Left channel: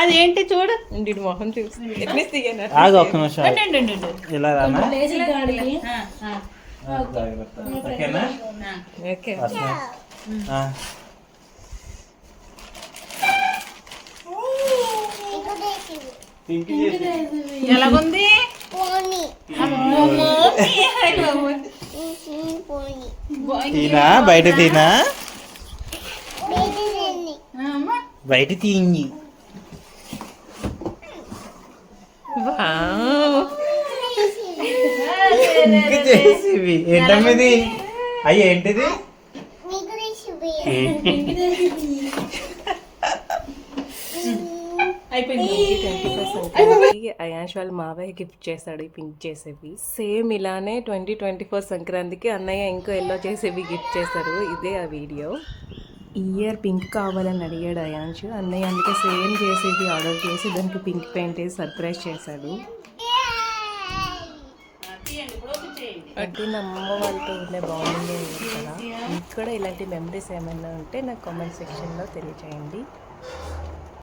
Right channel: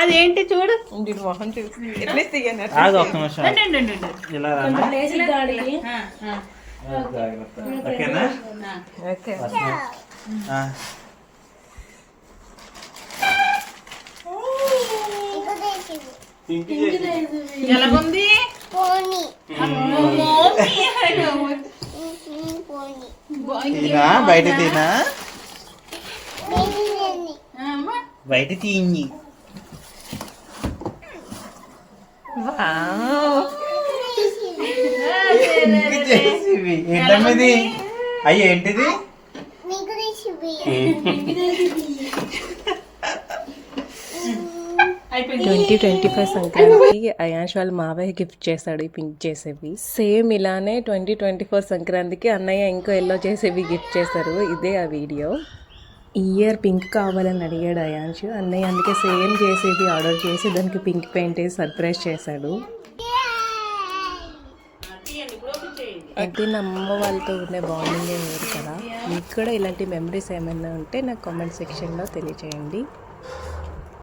అదేంటి చూడు మొహం చూసి ఓకే ఎలాగుంది తీనా బయట తీనా బయట తీయి ఏంటమ్మది అయ్యి ఏంటిది 2025 సంక్రాంతికి అయాన్ష్ వాళ్ళ మావయ్య గిఫ్ట్ చేశాడు ఈ పింక్ చేసేవి. సేమ్ ఇలానే 2024 సంక్రాంతికి అన్నయ్య ఇంకో ఎల్లో చేసేవి గిఫ్ట్ చేశారు. ఇదే ఆ వీడియో. ఈ ఇయర్ పింక్ కావాలని అడిగాడు అయాన్ష్. అన్నయ్య అందుకే సేమ్ చేసేది ఆర్డర్ చేసి దానికి పింక్ పెయింట్ వేసి సర్ప్రైజ్ చేశాడు. అంటే నా అమ్మ వాళ్ళతో ఉండే బాండింగ్ వేరు కదా. మీకు కూడా ఇలాంటి మెమరీస్ ఏమైనా ఉంటే నాకు కామెంట్ సెక్షన్లో తెలియచేయండి.